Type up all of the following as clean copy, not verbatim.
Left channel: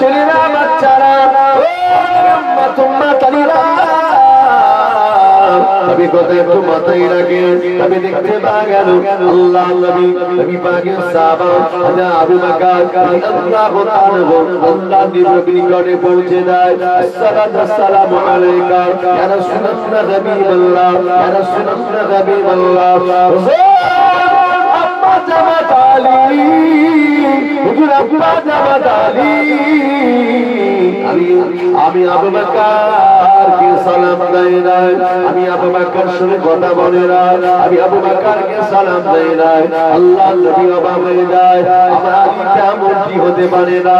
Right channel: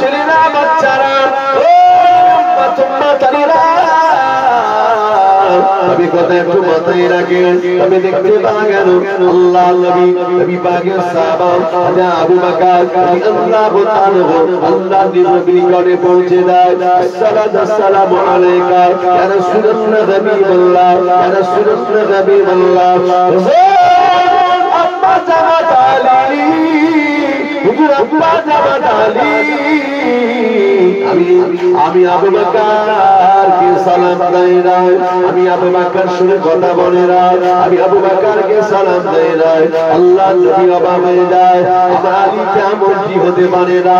ছেলেরা বাচ্চারা আমি কথা একটু মাথায় রাখে আমি দেখতে পা গেল আল্লাহ নবী নবী পাকের সাহাবা আবু বকর রাদিয়াল্লাহু তাআলা আল্লাহ নবীর নিকটে পৌঁছে দেয় আসসালামু আলাইকা ইয়া রাসূলুল্লাহ হাবিবাল্লাহ ইয়া রাসূলুল্লাহ হাবিবাল্লাহ আম্মা জামাত আলী হুজুর আব্বা জামাত আলী আমি আবু বকরকে সালাম দেই না আমি আবু বকর সঙ্গে কথা বলি না আমি আবু বকরকে সালাম দেই না আল্লাহ নবী অবাক হয়ে যায় আমার আলী কেমন কি হতে পারে না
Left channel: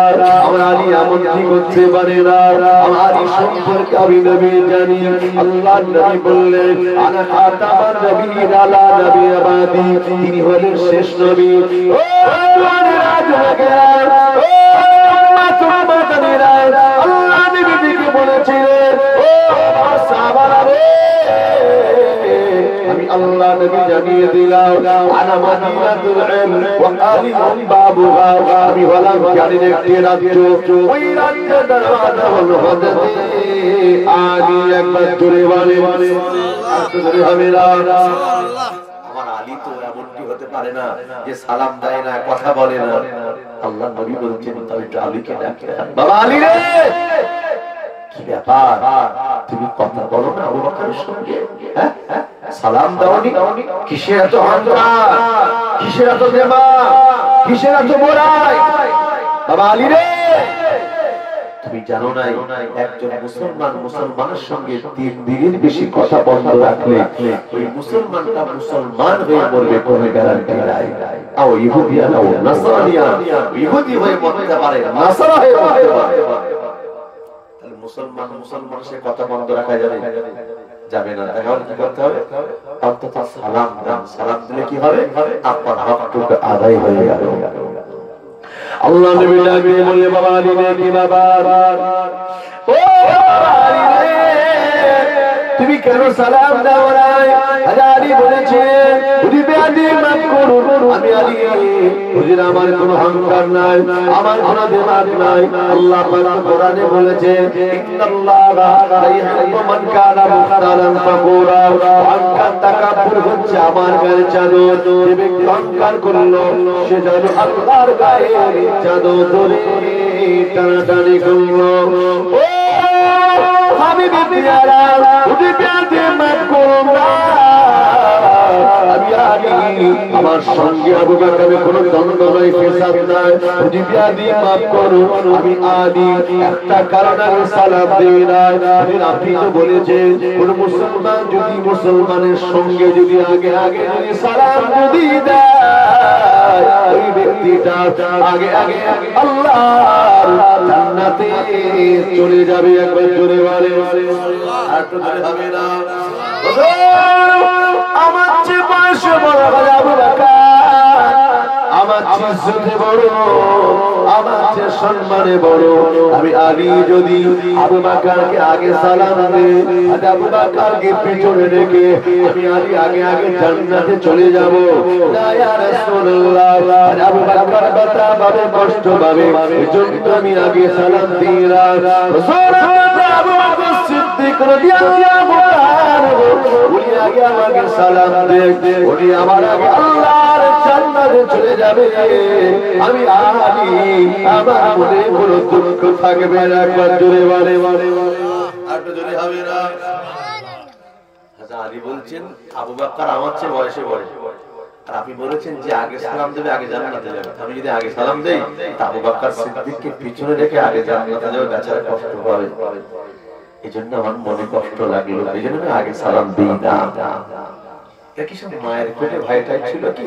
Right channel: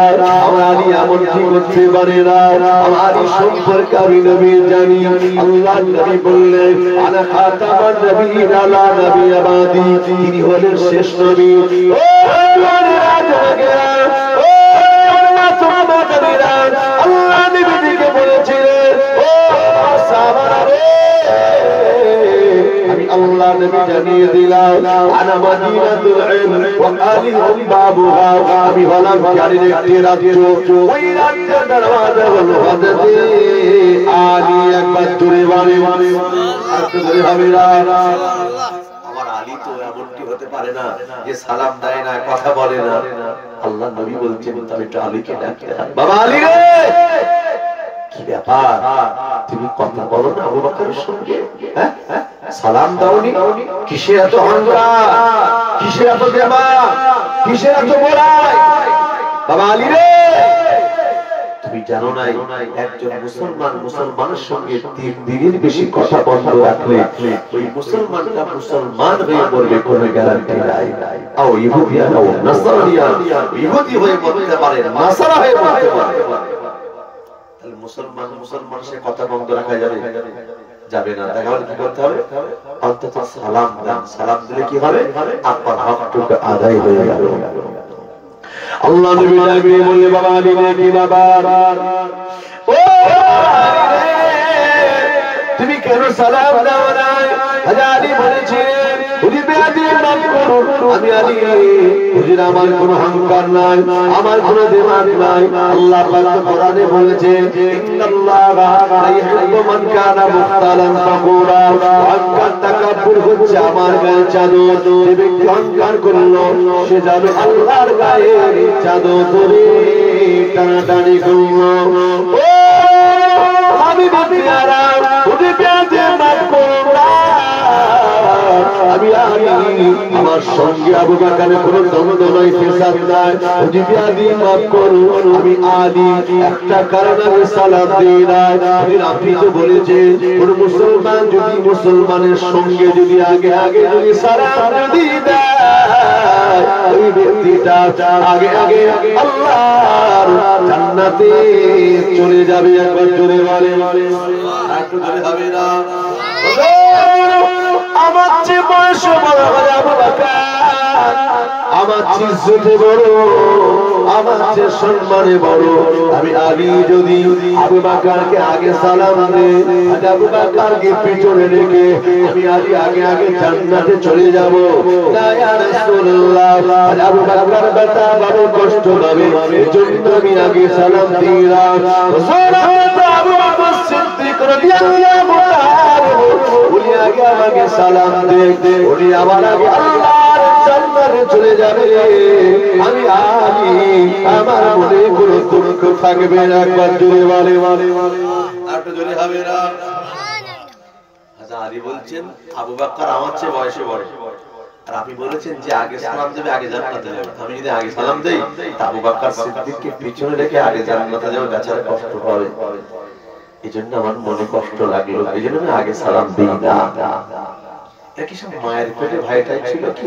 আমার আলী এমন কি করতে পারে না আমার আলী সম্পর্কে আমি নবী জানি আল্লাহ নবী বললেন আনা খাতামান নবীন আলা নবী আবাদি তিনি হলেন শেষ নবী ও দুনিয়ার রাজা আল্লাহ নবীকে বলেছিলেন ও সাহাবারা রে আমি আল্লাহ নবী জানিয়ে দিলাম আনা মদিনাতুল ইলম ওয়া আলী বাবুহা আমি হলাম জ্ঞানের একটি রাজ্য ওই রাজ্যের দরওয়াজা হলো হযরত আলী একবার জোরে বলে একটু জোরে হবে না আমার আলী তো এমনটি হতে পারে না যে সালাম দেয় না কথা বলে না আল্লাহ নবী বলছেন তবে একটু আলীকে ডাকে বাবা আলী রে কি ব্যাপার তুমি কথা বলো না আবু বকরের সঙ্গে হ্যাঁ সালাম দাওনি কিসের এত অহংকার কিসের এত দেবা কিসের এত বড়াই বাবা আলী রে তুমি জানো না একজন মুসলমানের সঙ্গে 3 দিনের বেশি কথা বন্ধ রাখলে ওই মুসলমানটা মুসলমান হয়ে মরবে কোনো গ্যারান্টি নাই আও ইহুদিয়া নাও নাসারানিয়া ইহুদি হয়ে মরতে পারে নাসারা হয়ে মরতে পারে তাহলে মুসলমানের সাথে কথা বন্ধ রাখা যাবে না তাহলে কি করতে হবে অন্তত সালাম দেন সালাম দিলে কি হবে আপনার হকটুকু আদায় হয়ে যাবে আল্লাহ নবী ডাকে বলে বাবা আলী রে কি ব্যাপার ও আলী রে তুমি কেন সালাম দাও না হাজারি বলেছেন তুমি বেয়াদি মাফ করুন আমি আলী হুজুর আমার কোনো অহংকার নাই আমার কোনো দেমাগ নাই আল্লাহ পাক কোরআনে বলেছেন ইন্নাল্লাহা লা ইউহিব্বু মান কানা মুখতালান ফাকুরা অহংকার তাকাব্বুর হচ্ছে আমার গায়ে চাদর যে ব্যক্তি অহংকার করলো সে যাবে আল্লাহর গায়ে চাদর ধরে টানাটানি করলো ও হাবিবে পিয়ারা হুজুর বেয়াদি মাফ করুন আমি আমার সঙ্গে আবু বকরের কোনো দ্বন্দ্ব নাই ফেসাদ নাই যদি আদি মাফ করো আমি আলী একটা কারণ আগে সালাম দেই না আপনি তো বলেছেন কোন মুসলমান যদি মুসলমানের সঙ্গে যদি আগে আগে যদি সালাম যদি দেয় ওই ব্যক্তিটা আগে আগে আল্লাহর জান্নাতে চলে যাবে একবার জোরে বলে আর তো জোরে হবে না আমার চেয়ে বয়সে বড় আবু বকর আমার চেয়ে ইজ্জতে বড় আমার চেয়ে সম্মানে বড় আমি আলী যদি আবু বকরকে আগে সালাম দেই আবু বকরকে পিছনে রেখে আমি আলী আগে আগে জান্নাতে চলে যাব না ইয়া রাসূলুল্লাহ আবু বকর বাতা বড় কষ্ট পাবে এজন্য আমি আগে সালাম দিই না আবু বকর সিদ্দিক রাদিয়াল্লাহু তাআলা উনি আগে আমাকে সালাম দেন উনি আমার আগে আল্লাহর জান্নাতে চলে যাবে আমি আলী আমার মনে কোনো দুঃখ থাকবে না একবার জোরে বলে আর তো জোরে হবে না আচ্ছা আলী বলছেন আবু বকর আমার চেয়ে বয়সে বড় আর আপনি বলেছেন যে আগে সালাম দেবে আগে জান্নাতে যাবে আমি যদি আগে সালাম দেই তা আবু বকর সিদ্দিককে পিছনে রেখে আগে জান্নাতে যাবে বেচারা কষ্ট পাবে এজন্য আমার মনে কষ্ট লাগলো এজন্য আমি আগে সালাম দেই না একই সঙ্গে মায়ের পেটে ভাইটাই ছিল কি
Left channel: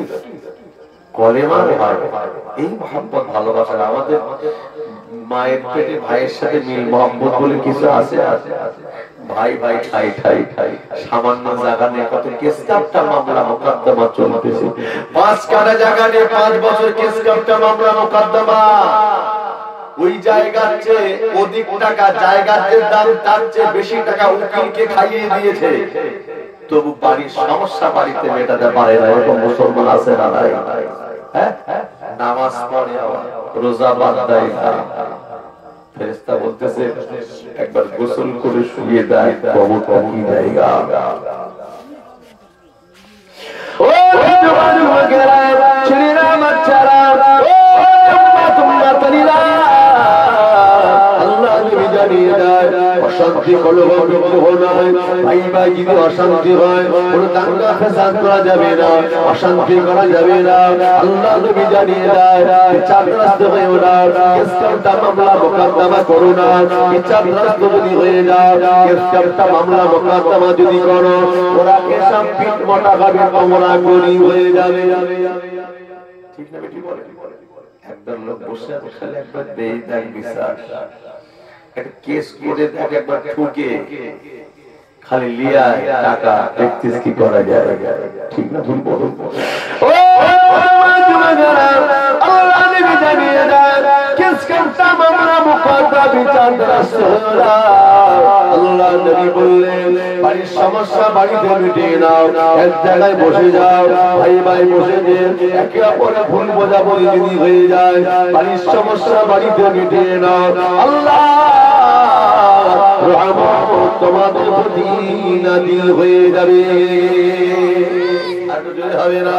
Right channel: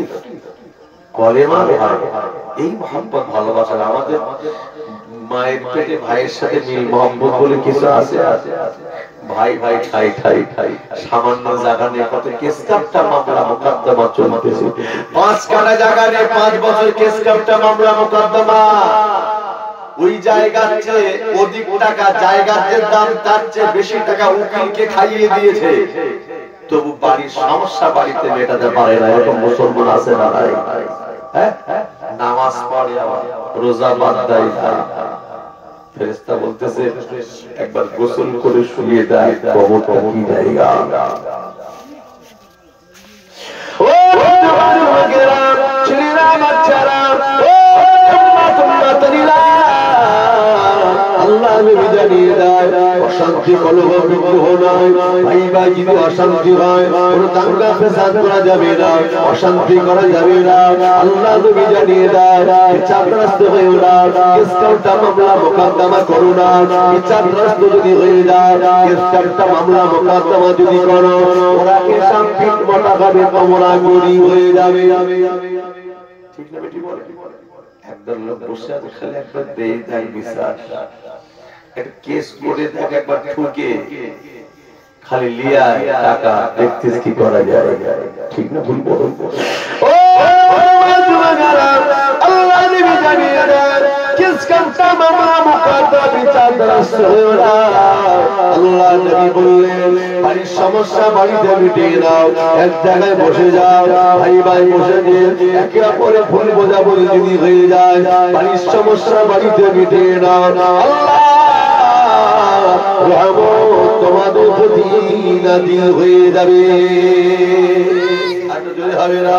কলেমার ভাই এই মহব্বত ভালোবাসা আমাদের মায়ের পেটে ভাইয়ের সাথে মিল মহব্বত বলে কিছু আছে ভাই ভাই ঠাই ঠাই ঠাই সামান্য জায়গা নিয়ে কত কেসকাপটা মামলা মোকদ্দমা চলতেছে 5 কাঠা জায়গা নিয়ে 5 বছর কেসকাপটা মামলা মোকদ্দমা ওই জায়গার চেয়ে অধিক টাকা জায়গার যে দাম তার চেয়ে বেশি টাকা উকিলকে খাইয়ে দিয়েছে তবু বাড়ির সমস্যা বাড়িতে মেটাতে পারে না এরকম মুসলমান আছে না নাই হ্যাঁ নামাজ পড়ে আবার রোজা বাদ দেয় না। ফেরেশতা বলতেছে একবার গোসল করে শুয়ে দেয়, কবরটা কি জায়গা। ও জওয়ান মাগেরা ছেলেরা বাচ্চারা, আল্লাহ নবী জানিয়ে দেয় অশান্তি কলহ বিদ্রোহ নয়, ভাই ভাই যদি অশান্তি হয় কোনো দাঙ্গা ফ্যাসাদ করা যাবে না, অশান্তি করা যাবে না। আল্লাহ নবী জানিয়ে দেয় বিচারগ্রস্ত হয়েও না, কেস কাউন্টা মামলা মোকদ্দমা করো না। বিচারগ্রস্ত যদি হয়ে যায়, কেস কাউন্টা মামলা মোকদ্দমা যদি করো, ওরা কেসাম পিঠ মোটা খাবে, তোমরা গরিব হয়ে যাবে। ঠিক না বেটি বলে? একদম লোক বসে আছে খালি একবার দেই দেখ বিচার, একটা কেস করে দেখ একবার ঠুকে খালি লিয়া টাকা দেখতেছ কি করা যায়। ঠিক না ভুল বলো? ও আল্লাহ নবী জানিয়ে দেন কেস কাউন্টা মামলা মুকদ্দমা বিচার দ্বারস্থ হয়ে না। আল্লাহ নবী বললেন বাড়ির সমস্যা বাড়িতে মিটিয়ে নাও, এক জায়গায় বসে যাও, ভাই ভাই বসে যে একে অপরের ভুল বোঝাবুঝি যদি হয়ে যায়, বাড়ির সমস্যা বাড়িতে মিটিয়ে নাও। আল্লাহ রহমত তোমাদের প্রতি নাযিল হয়ে যাবে। এত জোরে হবে না,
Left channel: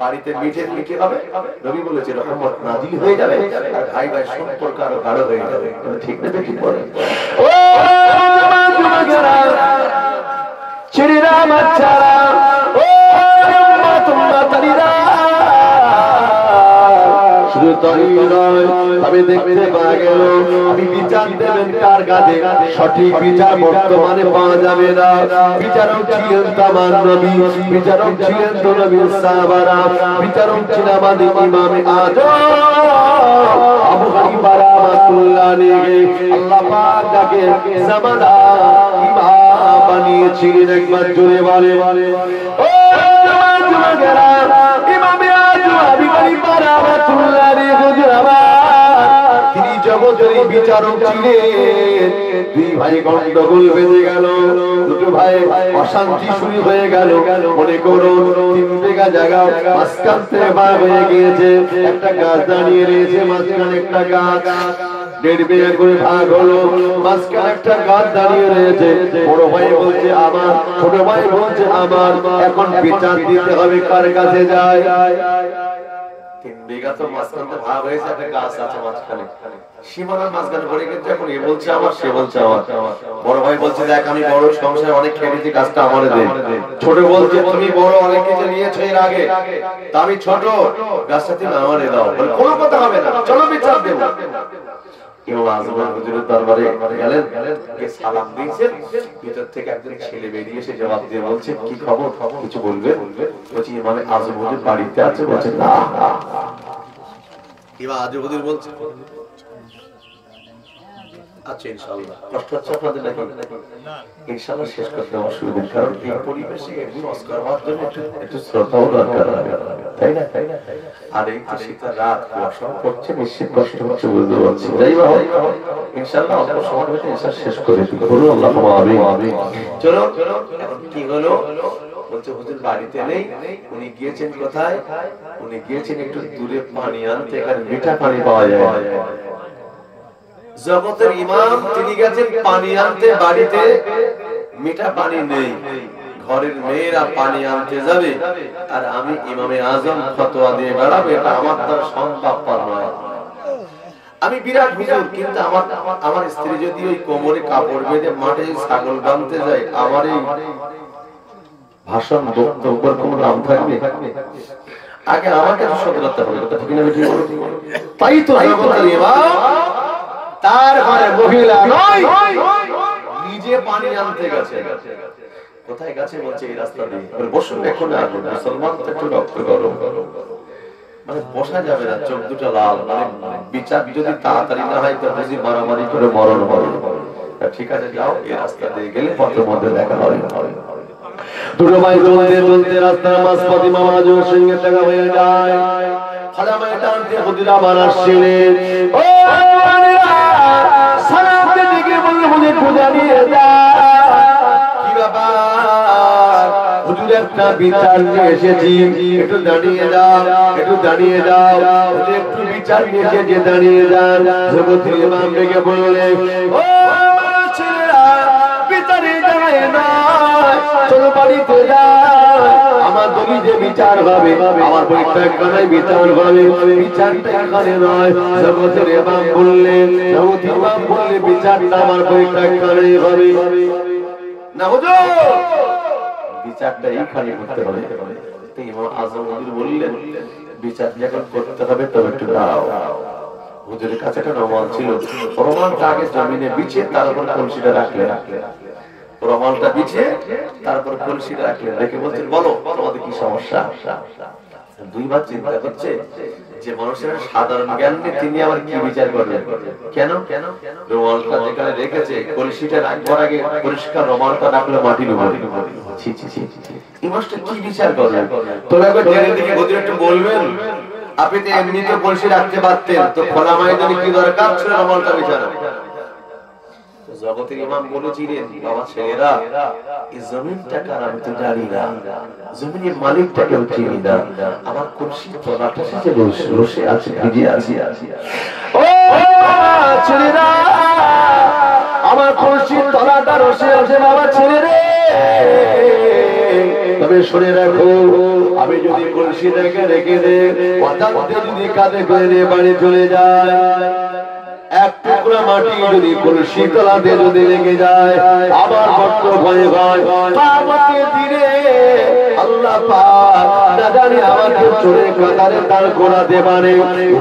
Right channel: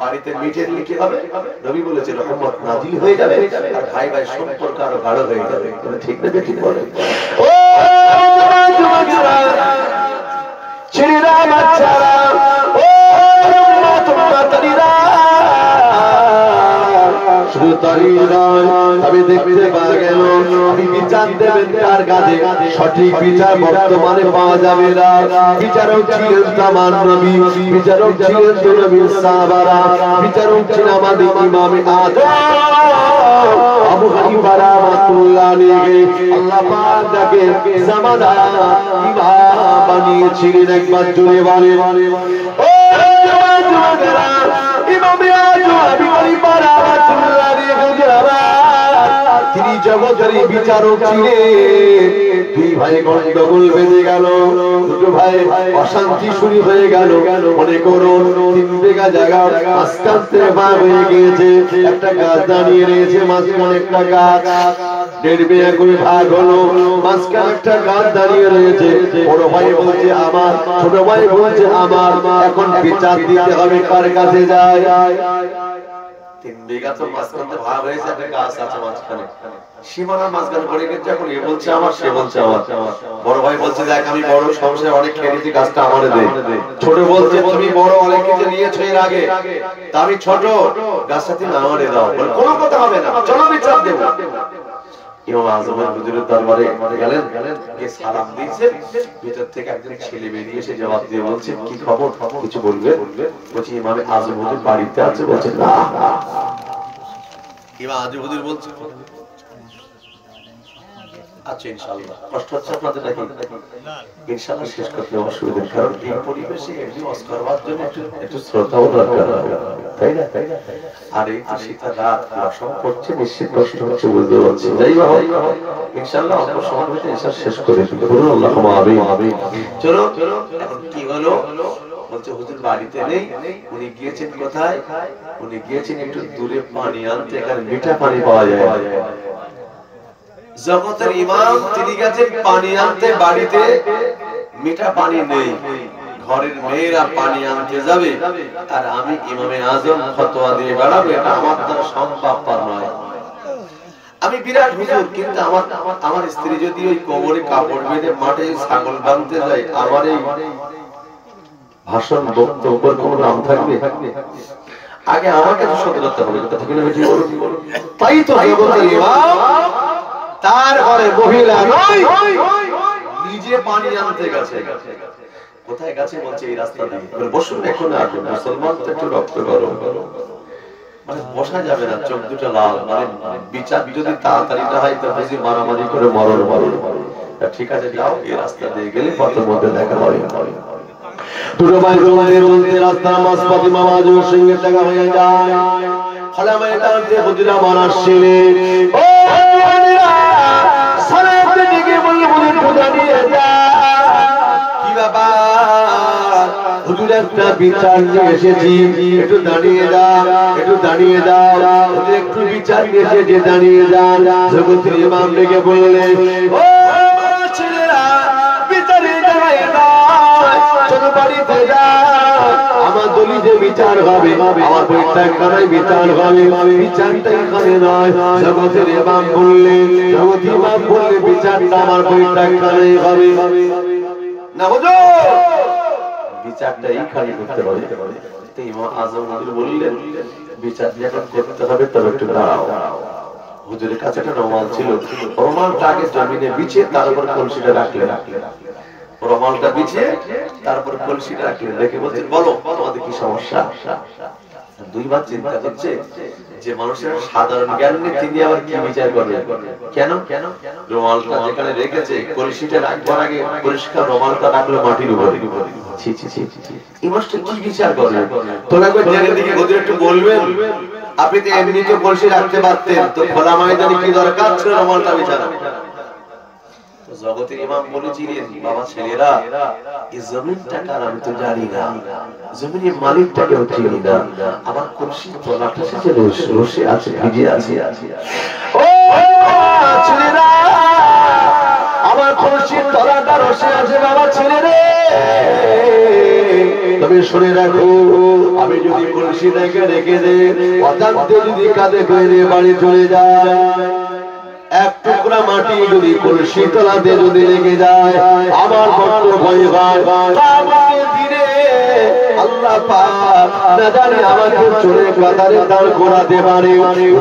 বাড়িতে মিটে কি হবে? নবী বলেছে রহমত নাযিল হয়ে যাবে, আর ভাই ভাই সম্পর্ক আরো গাঢ় হয়ে যাবে। ঠিক না বেঠিক বলে? ও যুবকেরা ছেলেরা বাচ্চারা, ও তোমরা তারিরা, শুধু তাই নয়, আমি দেখতে পাওয়া গেল আমি বিচার দেবেন তার কাছে, সঠিক বিচার বর্তমানে পাওয়া যাবে না। বিচারক ছিলেন তামার নবী, বিচারক ছিলেন তো নবী সাহাবারা, বিচারক ছিলেন আমাদের ইমামে আযম আবু হানিফা রাহমাতুল্লাহ আলাইহি। আল্লাহ পাক যাকে জামানা ইমাম বানিয়েছিলেন, একবার জোরে বলে ও যুবকেরা, ইমামে আযম আবু হানিফা রাহমাতুল্লাহ আলাইহি তিনি জগতের বিচারক ছিলেন। দুই ভাই গন্ডগোল বেঁধে গেল, দুটো ভাই অশান্তি শুরু হয়ে গেল। মনে করুন 3 বিঘা জায়গা মাঝখান থেকে ভাগ হয়ে গিয়েছে, একটা গাছ দাঁড়িয়ে রয়েছে, মাঝখানে একটা গাছ 1.5 বিঘা করে ভাগ হলো, মাঝখানে একটা গাছ দাঁড়িয়ে রয়েছে। বড় ভাই বলছে আমার, ছোট ভাই বলছে আমার, এখন বিচার দিতে হবে কার কাছে যায়। 3 বিঘা তো মাঝখানে ভাগ হয়েছে, একটা গাছ আছে মাঝখানে, সীমানার মাঝখানে পড়ে গেছে। এখন এ বলছে আমার, সে বলছে আমার। বড় ভাই বলছে দেখ আমি বড় সংসারে অনেক খেয়েছি, গাছটা আমারে দে। ছোট বলছে তুমি বড় অনেক কিছু নিয়েছো এর আগে, তা আমি ছোট, গাছটা তুমি আমারে দাও। বলে কোনো কথা হবে না, চলো বিচার দেব। ইমাম আযম হুজুরের দরবারে গেলেন, গিয়ে সালাম দিয়েছেন। ভিতর থেকে একজন ছেলে বেরিয়ে এসে জবাব দিয়ে বলছে কি খবর, কিছু বলবে? বলছি ইমাম আযম হুজুর বাড়িতে আছে। বলছে না। ইমাম আযম হুজুর বলছে আচ্ছা ইনশাআল্লাহ, কষ্ট হচ্ছে আপনাদের নাকি? ইনশাআল্লাহ শেষ করতে অসুবিধা, কারণ এই পরিবেশে একদিন অস্কার হওয়ার জন্য একটু শ্রদ্ধাও দরকার হয়, তাই না? আর এই তো শীতের রাত, অসম পড়ছে, নিশ্চিত কষ্ট হচ্ছে, বুঝতে পারছি। যাই হোক ইনশাআল্লাহ অল্প সময় হতে ইনশাআল্লাহ শেষ করে বলুন আল্লাহুম্মা আমিন। চলো এখন কি হলো? বলছে হুজুর বাড়িতে নেই, উনি গিয়েছেন কোথায়? উনি গিয়েছেন একটু দূরে পানি আনতে, এখানে মিঠা পানি পাওয়া যায়। জগতের ইমাম তিনি গেছেন পানি আনতে, বাড়িতে মিঠা পানি নেই, ঘরের মেয়েরা পানি আনতে যাবে, আর আমি ইমামে আযম ফতোয়া দিয়ে বেড়াবো, এটা আমার দ্বারা সম্ভবপর নয়। আমি বিরাট হুজুর, কিন্তু আমার স্ত্রী যদি ওই কোমরে কাপড় বেঁধে মাঠে ছাগল বাঁধতে যায়, আমার এই ভাষণ বক্তব্যের কোনো দাম থাকবে? আগে আমাকে তো সত্য করতে হবে, কথা ঠিক না? তাই তো জগতের ইমাম তার ঘরে মহিলা নয়, নিজে পানি আনতে গেছে। কোথায় গেছে? বলছে এই রাস্তা দিয়ে। বসুন এখন, আর মুসলমান তো একটু রক্ত গরম, মানে বসা যাবে না, চোখ দুটো লাল, মানে বিচার যদি তাড়াতাড়ি না হয় তো বুঝি মারামারি করে মরণ মরণ। ঠিক আছে যাও, এই রাস্তা দিয়ে গেলে পথের মধ্যে দেখা হয়। দুটো ভাই চলতে চলতে রাস্তার মাঝপথে ইমাম আযমের সঙ্গে দেখা হয়ে যায়। ফলে আমার এটা হুজুর আমার আসছিলেন, ও সালাতে দিকে বলে হুজুর পূজা নিয়ে যা। কি ব্যাপার? হুজুর একটা বিচার নিয়ে এসেছি, একটু দাঁড়িয়ে যাও, একটু দাঁড়িয়ে যাও, একটু বিচার নিয়ে এসেছি, দাঁড়িয়ে যান। জগতের ইমাম ডেকে বললেন, ও ছেলেরা, বিচারে যায় না, চলো বাড়িতে যাও, আমার দলিলে বিচার হবে, আমার বৈঠকখানায় বিচার হবে, বিচারটা এখানে নয়। জগতের ইমাম বললেন, জগতের ইমাম বললে বিচারটা আমার বৈঠকখানায় হবে না হুজুর, বিচারটা এইখানে করতে হবে। ইমাম আজম হুজুর বললেন, বিচার যখন করতে হবে তবে একটু দাঁড়াও। হুজুরের কাছে একটা রুমাল ছিল, রুমালটা আগে জমিনে বিছিয়ে তার উপর কলসিটা রাখলেন, রুমালটা বিছিয়ে তারপর কলসিটা রাখলেন, রেখে বলছেন, বলো তোমাদের কি সমস্যা। দুইবার চিন্তা করছে যে মানুষের সাধারণ জ্ঞান নেই, তিনি আবার কি বিচার করবেন, কেন রুমালটা যেখানে রেখেছে কলসিটা রাখবার আগে পরিষ্কার রুমালটা রাখলো মাটির উপরে, এই মাসটা কি বিচার করবেন। তবে একবার জেনে দিকে হুজুর একটু বলবেন, আপনি তো এমনি তো কলসি রাখতে পারতেন, তো খোলা ময়দানে কি দরকার ছিল রুমালটা বিছানো। জগতের ইমাম বলেছিলেন, বাবা ছেলেরা, এই জমিনটা কার আমি তো জানি না, জমিনের মালিকটাকেও চিনি না, আমার কলসির তলাটা যে রসে আছে, ভিজে আছে, ও ছেলেরা, আমার কলসির তলাটা রসে আছে বাবা ছেলেরে। তবে শুনে রাখো, আমি যদি কলসিটাকে রেখে দেই, অজান্তে যদি কাঁধে করে বাড়ি চলে যায়, এক টুকরা মাটি যদি কলসি তলাতে যদি লেগে যায়, আমার বড্ড ভয় হয়, কিয়ামতের দিনে আল্লাহ পাক না জানি আমার চোরের কাতারে দাঁড় করাতে পারে।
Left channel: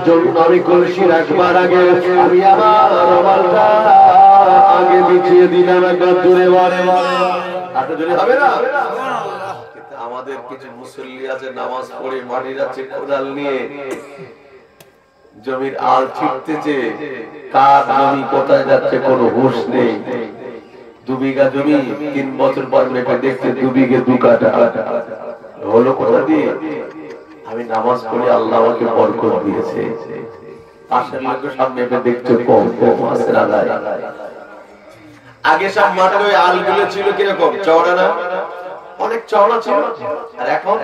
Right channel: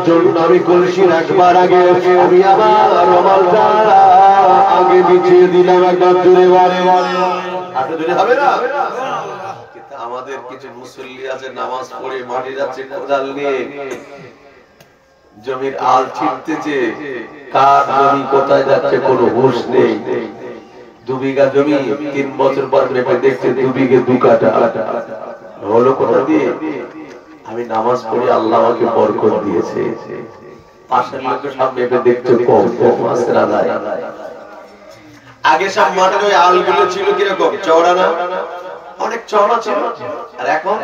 জন্য আমি কলসি রাখবার আগে আমি আমার রুমালটা আগে বিছিয়ে দিলাম, একবার জোরে বাড়ে হাতে জোরে হবে না। কিন্তু আমাদের কিছু মুসল্লি আছে, নামাজ পড়ে মাটি যাচ্ছে কোদাল নিয়ে, জমির আল ছিটতেছে, কার জমি কোথায় যাচ্ছে কোনো হুঁশ নেই। 2 বিঘা জমি 3 বছর পর মেপে দেখছে 2 বিঘে 2 কাঠা, হলো কোথা দিয়ে? আমি নামাজ পড়ে আল্লাহ আমাকে বরকত দিয়েছে, পাশের লোক সব মেপে দেখছে কম কম আছে না নাই। আগে সব মাঠের ওই আলগুলো ছিল কিরকম, চওড়া না, অনেক চওড়া ছিল, আর এখন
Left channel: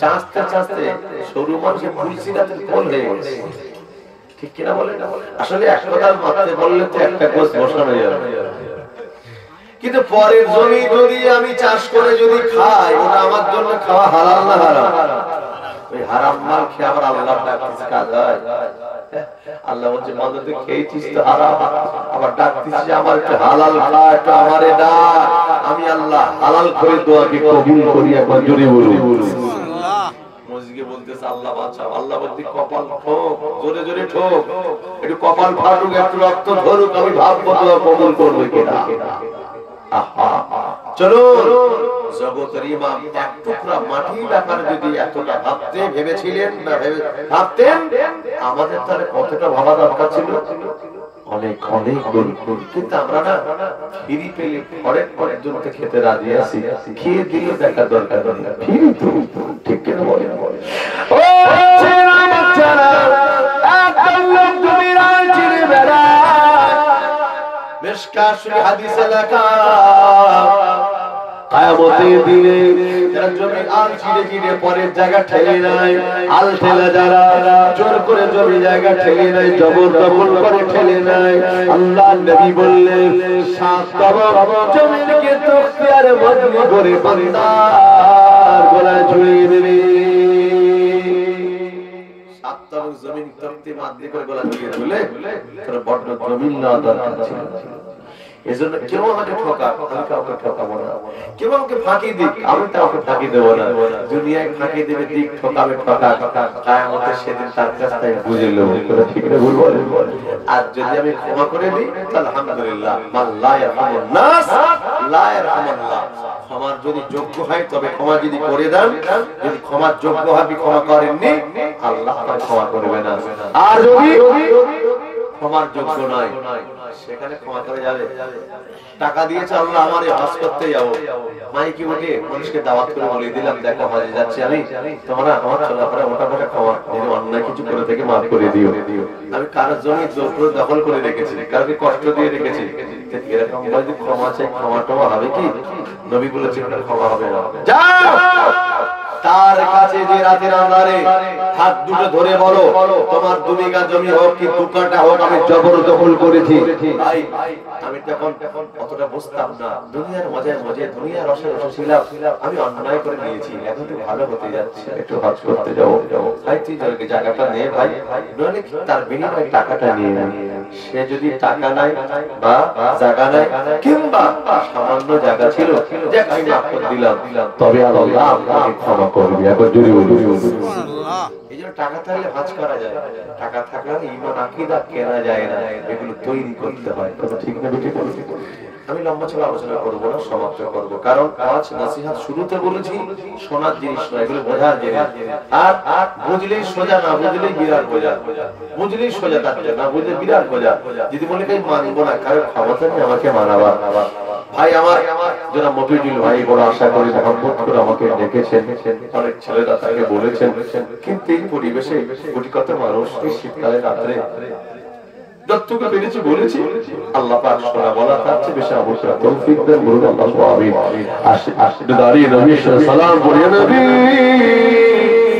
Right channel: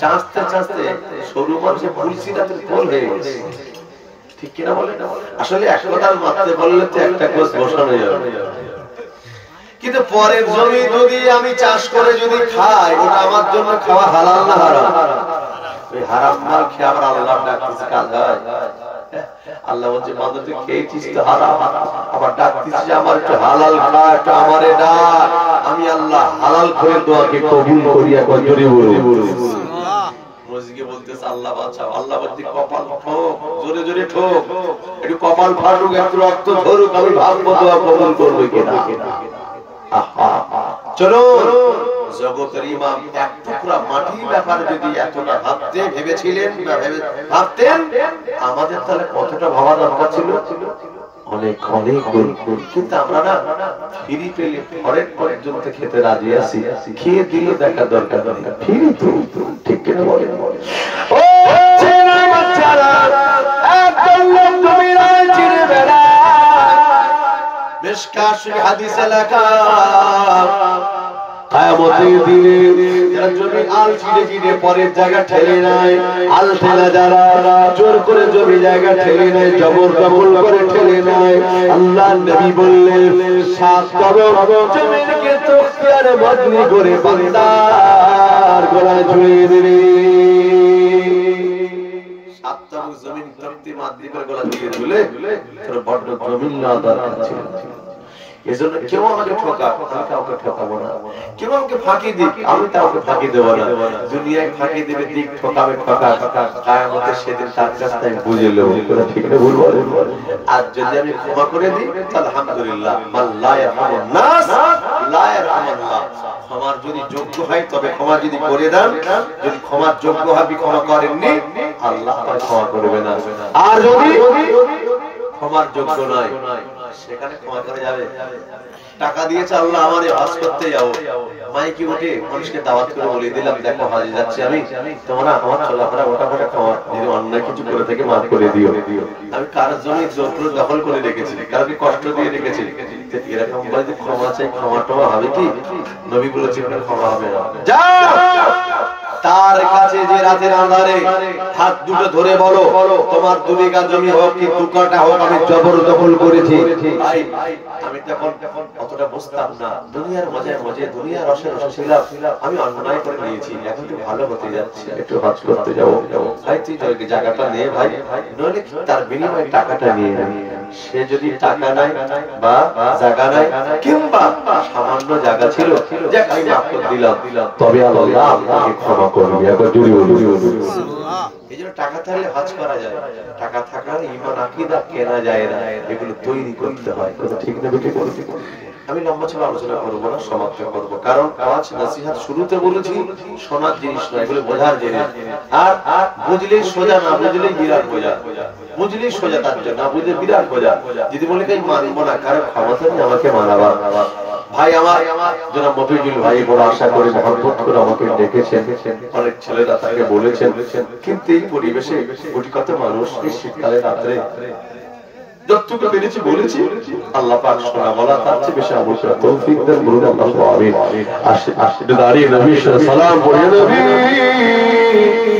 চাঁচতে চাঁচতে সরু মানুষে পুলসিরাতে গোল হয়ে গেছে, ঠিক কিনা বলে? আসলে এক কথার মারতে বললে তো একটা কোষ বসানো যাবে, কিন্তু পরের জমি যদি আমি চাষ করে যদি খাই, ওটা আমার জন্য খাওয়া হালাল না হারাম? ওই হারাম মাল খেয়ে আবার আল্লাহর ডাকতেছে, কাজ হয়? আল্লাহ বলছে, মাদক তুই খেয়েছিস তো হারাম, আবার ডাকতিস যে আমার একটু হালাল খা, একটু আমারে ডাক, আমি আল্লাহ হালাল করে দোয়াকে কবুল করি। একবার জোরে বলুন, মসজিদে বলতেছে আল্লাহ বাঁচাও, আল্লাহ বলতে কপাল ঠোক, জোরে জোরে ঠোক, একটু কপাল ফাটুক, একটু রক্ত ধরুক, আমি ভাববো দোয়া কবুল করবে কিনা। চলো, জগতের ইমাম এক টুকরা মাটির ব্যাপারে যদি এতটা ভেবেছিলেন, ভাবতেন, আমাদের তাহলে কতটা ভাবা দরকার ছিল, অনেক অনেক গুণ। কিন্তু আমরা না ফিরি পেলে ঘরের পর্যন্ত খেতে রাজি আছি, খেয়ে দিলে দেখার দরকার নেই, ফিরি তো, ঠিক কিনা বলে? ও ছেলে বাচ্চারা, একদম লোক তুমি রাজ চিনে বেড়ায়, মিশকাত হাদিসে লেখা, কিয়ামতের দিনে যারা জমি আল ছিঁড়ে ছিঁড়ে পরের জায়গা ঠেলে নেয়, আল ঠেলা যারা জোর করে জমি জায়গা ঠেলে নেয়, জবরদখল করে ঠেলে নেয়, আল্লাহর নবী বললেন 7 কবর জমিনকে তখতিয়ারে বদলি করে বান্দার গলায় ঝুলিয়ে দেবে। 7 তবক জমিন তখতি মাদলি করে গলা ঝুলিয়ে দিলে তোর বড় জমিন না দরকার ছিল। এজন্য কেউ আমাকে ঠকাক, আমি কাউকে ঠকাবো না, কেউ আমাকে ফাঁকি দিক, আমি কাউকে ফাঁকি দেবো না। দুনিয়ায় ফাঁকি দেবে, দিক ঠকাবে ঠকাক, কিয়ামতের সেদিন তার কাছে বুঝে নেব, ঠিক না ভুল বলে। আর যদি আমি ক্ষমা করে দিই, আলহামদুলিল্লাহ, মান লা ইয়ারহামুন নাস লা ইয়ারহামুল্লাহ। ক্ষমার যদি যোগ্য হয় তবে ক্ষমা যদি করে দেন, যদি ক্ষমার যোগ্য হবে ক্ষমা করেননি, আল্লাহ তাআলা ক্ষমা করবে না। আর যদি ক্ষমার যোগ্য নয়, সেখানে ক্ষমা করে যাবে। টাকা দিয়েছে আল্লাহ আমারে হজ করতে যাবো, মাইকে উঠে মানুষকে দাওয়াত করে বলে দিলাম, দেখো হজে যাচ্ছি আমি, তোমরা আমার চলাফেরা ওটা করে ক্ষমা, যদি অন্যায় কিছু করে থেকে মাফ করে দিও। আমি কার জমি জোর করে দখল করে রেখেছি, কাউকে কষ্ট দিয়ে রেখেছি, এরকম যদি ক্ষমা চাই, ক্ষমা টমা হবে কি? নবী বলেছেন ক্ষমা হবে না। তার কাছে যে রাতের আঁধারে হাত দুটো ধরে বলো, তোমার 2 বিঘা জমি হোক কি 2 কাঠা হোক, আমি জবরদখল করেছি। ভাই আমি তখন অতটা বুঝতাম না, দুনিয়ার মজা মজে, দুনিয়ার রসে রসে ছিলাম, আমি অন্যায় করে নিয়েছি, এখন একটু ভালো হতে যাচ্ছে, একটু হজ করতে যাবো। ভাই তুই জায়গাটা নে ভাই, নইলে তার বিনিময়ে টাকাটা নিয়ে নে। সে যদি টাকা নাই বা জায়গা নাই কিংবা সামান্য জায়গা ছিল, যে আমি মাফ করে দিলাম, তবে আল্লাহ আপনাকে ক্ষমা করবে। একবার জোরে বলুন। এইজন্য টাকা থাকলে হজ করা যায়, টাকা থাকলে ঈমান আকীদা কেনা যায় না, এগুলো তৈরি করতে হয়। কথা ঠিক না বেঠিক? আমি লম্বা চড়া আলোচনা করব না, সমাপ্ত করব। কারণ ওয়াজ নসিহত শুরুতে বলেছি শোনার জিনিস নয়, এগুলো বোঝার জিনিস। আর বুঝলেই সোজা, না বুঝলেই বিরাট বোঝা। বুঝলেই সোজা, তার জন্য না বুঝলে বিরাট বোঝা। যদি বলে তাই মানবো না, কারো ক্ষমতা নেই আমাকে মানাবার। ভাই আমার যারা মফিজুল ভাই বড় আশা করে মহব্বত করে আমাকে ডেকেছেন, অনেক ছেলেরা তাকে বলেছেন, কিন্তু এই পরিবেশে কোটি কত মানুষ এই শীতকালে রাত্রে যতটুকু পেরেছি বলেছি, আল্লাহ পাক শোনা বলা তার চেয়ে বেশি অবশ্যই তৌফিক দেন। বলুন আল্লাহু আমিন। আসলে দাঁড়িয়ে নবী সালাম করে নবী